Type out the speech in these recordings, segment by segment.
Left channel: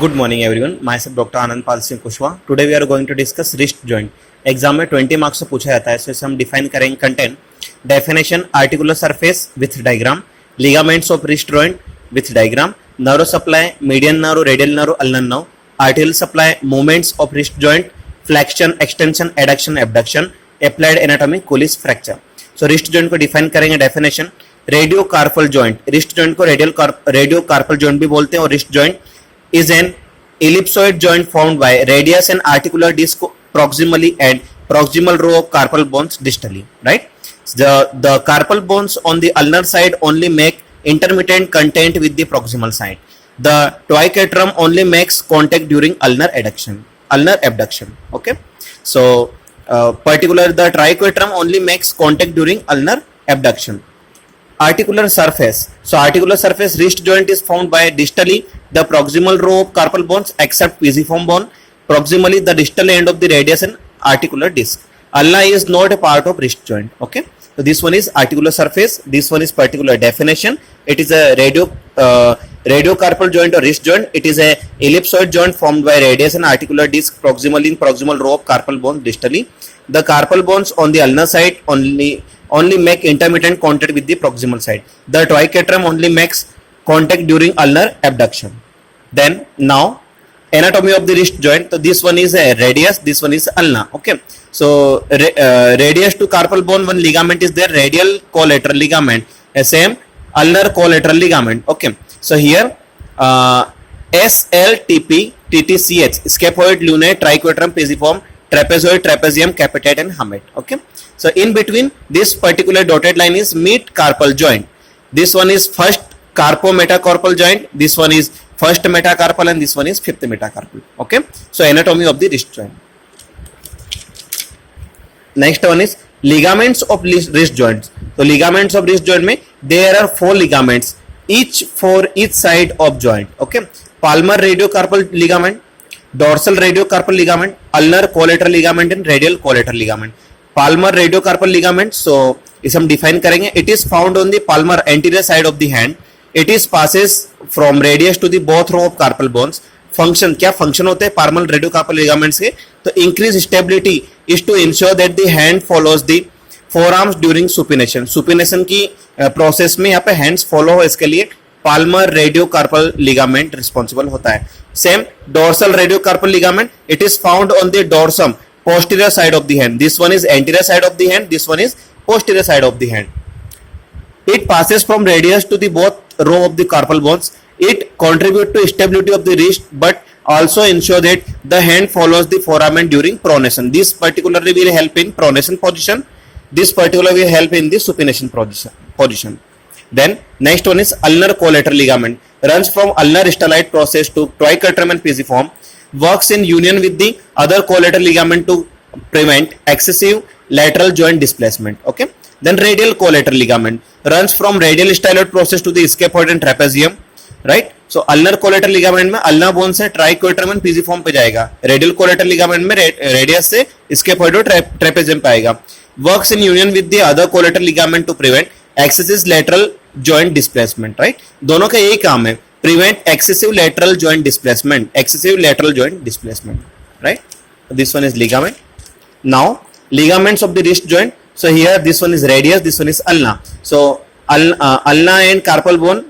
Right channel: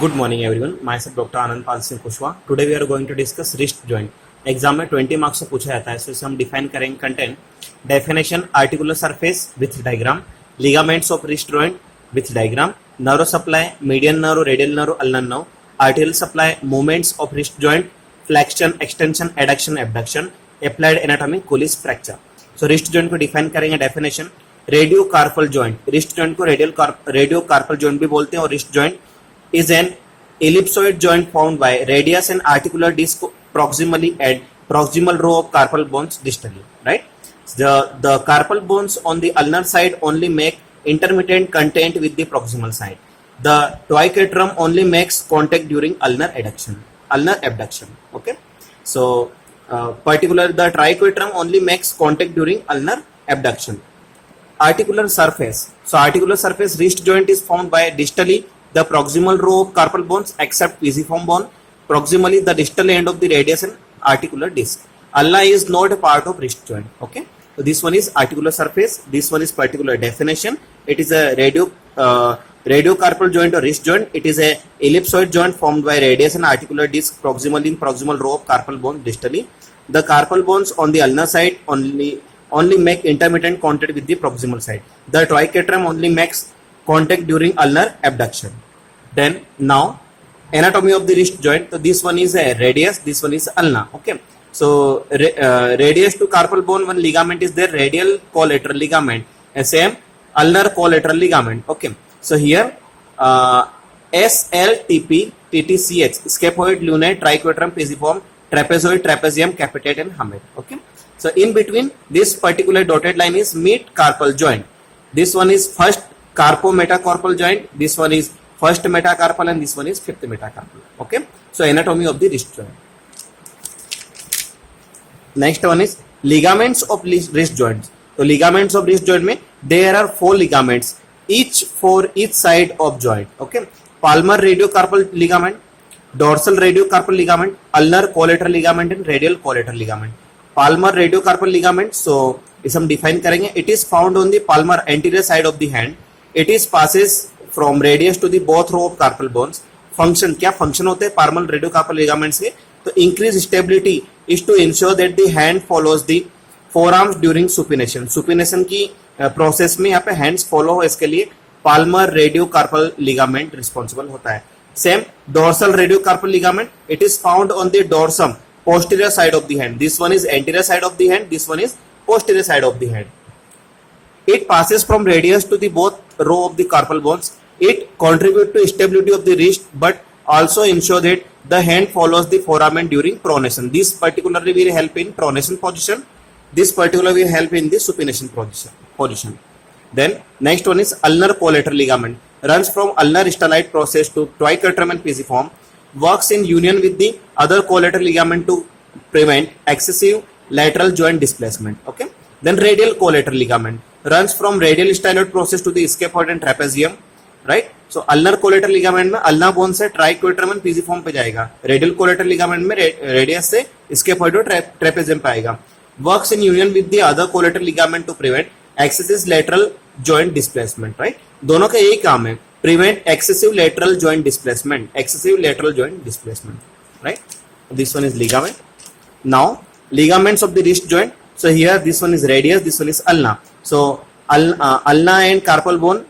Good morning everyone. Myself Dr. Anand Pal Singh Kushwaha. Today we are going to discuss wrist joint. Exam में 20 marks से पूछा जाता है, so इसे हम डिफाइन करेंगे. Content definition articular surface with diagram, ligaments of wrist joint with diagram, nerve supply, median nerve, radial nerve, ulnar nerve, articular supply, movements of wrist joint, flexion, extension, adduction, abduction, applied anatomy, Colles fracture. So wrist joint को define करेंगे. Definition radio carpal joint. Wrist joint को radio carpal joint भी बोलते हैं. और wrist joint is an ellipsoid joint formed by radius and articular disc proximally and proximal row of carpal bones distally, right? The carpal bones on the ulnar side only make intermittent contact with the proximal side. The triquetrum only makes contact during ulnar abduction. Okay, so particular the triquetrum only makes contact during ulnar abduction. Articular surface. So articular surface wrist joint is formed by distally the proximal row of carpal bones except pisiform bone, proximally the distal end of the radius and articular disc. Ulna is not a part of wrist joint. Okay, so this one is articular surface, this one is particular definition. It is a radiocarpal joint or wrist joint. It is a ellipsoid joint formed by radius and articular disc proximally in proximal row of carpal bones distally. The carpal bones on the ulnar side only make intermittent contact with the proximal side. The triquetrum only makes contact during ulnar abduction. Then now anatomy of the wrist joint. So this one is a radius, this one is ulna. Okay, so radius to carpal bone one ligament is there, radial collateral ligament, same ulnar collateral ligament. Okay, so here SLTP TTCH scaphoid, lunate, triquetrum, pisiform, trapezoid, trapezium, capitate and hamate. Okay, so in between this particular dotted line is mid carpal joint. This one is first carpometacarpal joint, this one is first metacarpal and this one is fifth metacarpal. Okay, so anatomy of the wrist joint. Next one is ligaments of wrist joints. So ligaments of wrist joint में there are 4 ligaments each for each side of joint. Okay, palmar radiocarpal ligament, dorsal radiocarpal ligament, ulnar collateral ligament and radial collateral ligament. Palmar radiocarpal ligament, so इसे हम define करेंगे. It is found on the palmar anterior side of the hand. It is passes from radius to the both row of carpal bones. Function क्या function होते हैं palmar radiocarpal ligaments के? तो increase stability is to ensure that the hand follows the forearms during supination. supination की process में यहाँ पे hands follow हो, इसके लिए palmar radiocarpal ligament responsible होता है. Same dorsal radiocarpal ligament. It is found on the dorsum posterior side of the hand. This one is anterior side of the hand, this one is posterior side of the hand. It passes from radius to the both row of the carpal bones. It contributes to stability of the wrist but also ensure that the hand follows the foramen during pronation. This particularly will help in pronation position. This particularly will help in the supination position. Then next one is ulnar collateral ligament. Runs from ulnar stellate process to triquetrum and pisiform. Works in union with the other collateral ligament to prevent excessive lateral joint displacement. Okay, then radial collateral ligament runs from radial stellate process to the scaphoid and trapezium, right? So ulnar collateral ligament में ulnar bone से triquetrum and pisiform पे जाएगा, radial collateral ligament में radius से scaphoid और trapezium पे आएगा. Works in union with the other collateral ligament to prevent excessive lateral joint displacement, right? दोनों का यही काम है, prevent excessive lateral joint displacement, right? This one is ligament. Now ligaments of the wrist joint. So here this one is radius, this one is ulna. So ulna and carpal bone,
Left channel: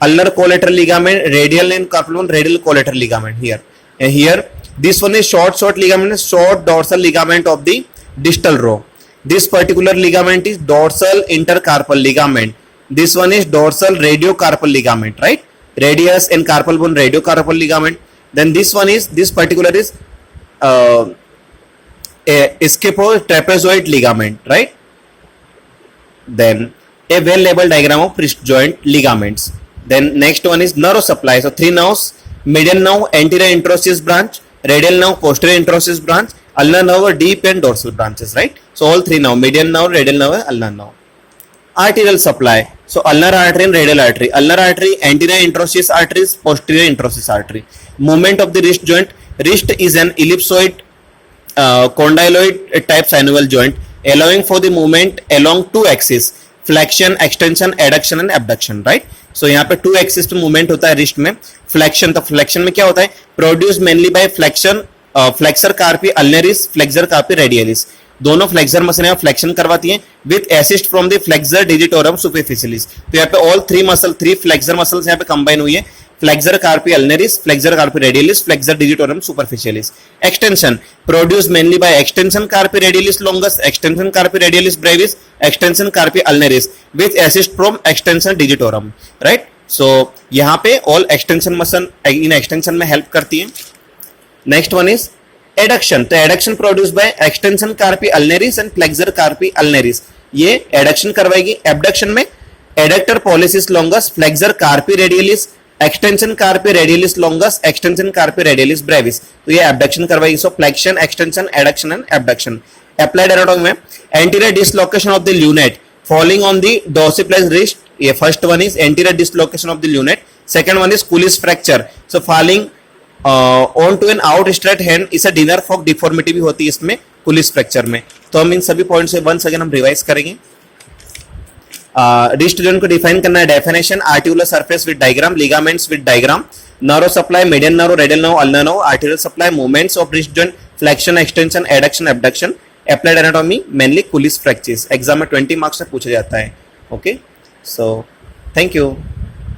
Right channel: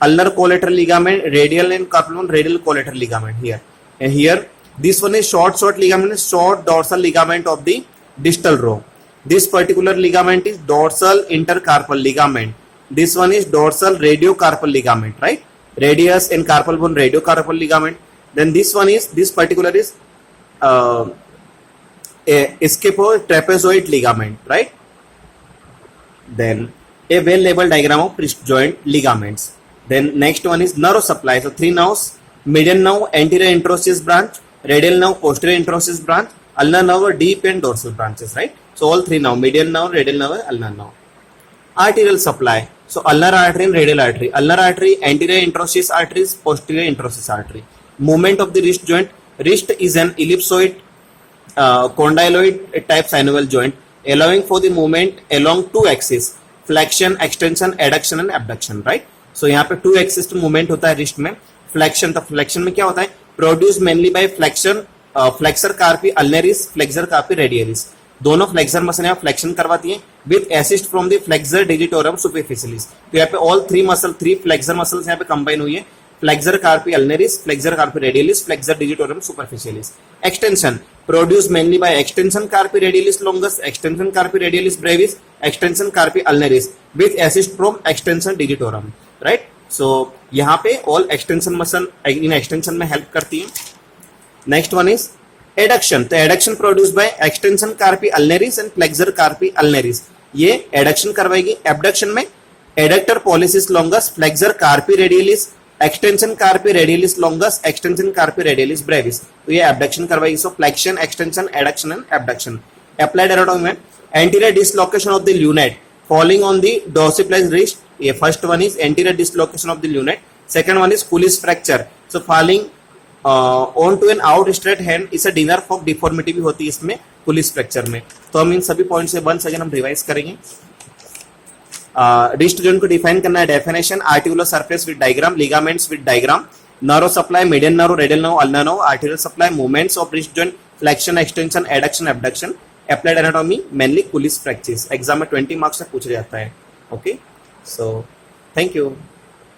ulnar collateral ligament, radial and carpal bone, radial collateral ligament here. And here this one is short ligament, short dorsal ligament of the distal row. This particular ligament is dorsal intercarpal ligament. This one is dorsal radiocarpal ligament, right? Radius and carpal bone, radiocarpal ligament. Then this one is, this particular is a scapulotrapezoid ligament, right? Then a well labeled diagram of wrist joint ligaments. Then next one is nerve supply. So 3 nerves: median nerve, anterior interosseous branch, radial nerve, posterior interosseous branch, ulnar nerve, deep and dorsal branches, right? So all 3 nerve: median nerve, radial nerve, ulnar nerve. Arterial supply. So ulnar artery and radial artery. Ulnar artery, anterior interosseous arteries, posterior interosseous artery. Movement of the wrist joint. Wrist is an ellipsoid condyloid type synovial joint allowing for the movement along 2 axes: flexion, extension, adduction and abduction, right? सो यहाँ पे to axis movement होता है wrist में. Flexion, तो flexion में क्या होता है? Produce mainly by flexion, flexor carpi ulnaris, flexor carpi radialis. दोनों फ्लेक्सर मसल यहाँ फ्लेक्शन करवाती हैं with assist from the flexor digitorum superficialis. तो यहाँ पे ऑल थ्री फ्लेक्सर मसल्स यहाँ पे कंबाइन हुई है. Flexor carpi ulnaris, flexor carpi radialis, flexor digitorum superficialis. Extension produce mainly by extension carpi radialis longus, extension carpi radialis brevis, extension carpi ulnaris with assist from extension digitorum. Right. So यहाँ पे all extension muscle in extension में help करती है. Next one is adduction. तो adduction produce by extension carpi ulnaris and flexor carpi ulnaris. ये adduction करवाएगी. Abduction में adductor pollicis longus, flexor carpi radialis, extension carpi radialis longus, extension carpi radialis brevis. तो ये abduction करवाएगी. So flexion, extension, adduction and abduction. Applied anatomy में anterior dislocation of the lunate falling on the dorsiflex wrist. ये first one is anterior dislocation of the lunate. Second one is Colles fracture. So falling on to an out straight hand is a dinner Fock deformity भी होती है इसमें Kulish fracture में. तो हम इन सभी points से वंस अगेन हम रिवाइज करेंगे. रिस्ट जॉइंट को डिफाइन करना है. Definition articular surface with diagram, ligaments with diagram, nerve supply, median nerve, radial nerve, ulnar nerve, articular supply, movements of wrist joint, flexion, extension, adduction, abduction. Applied anatomy mainly Colles fractures. Exam में 20 marks से पूछा जाता है. Okay, so thank you.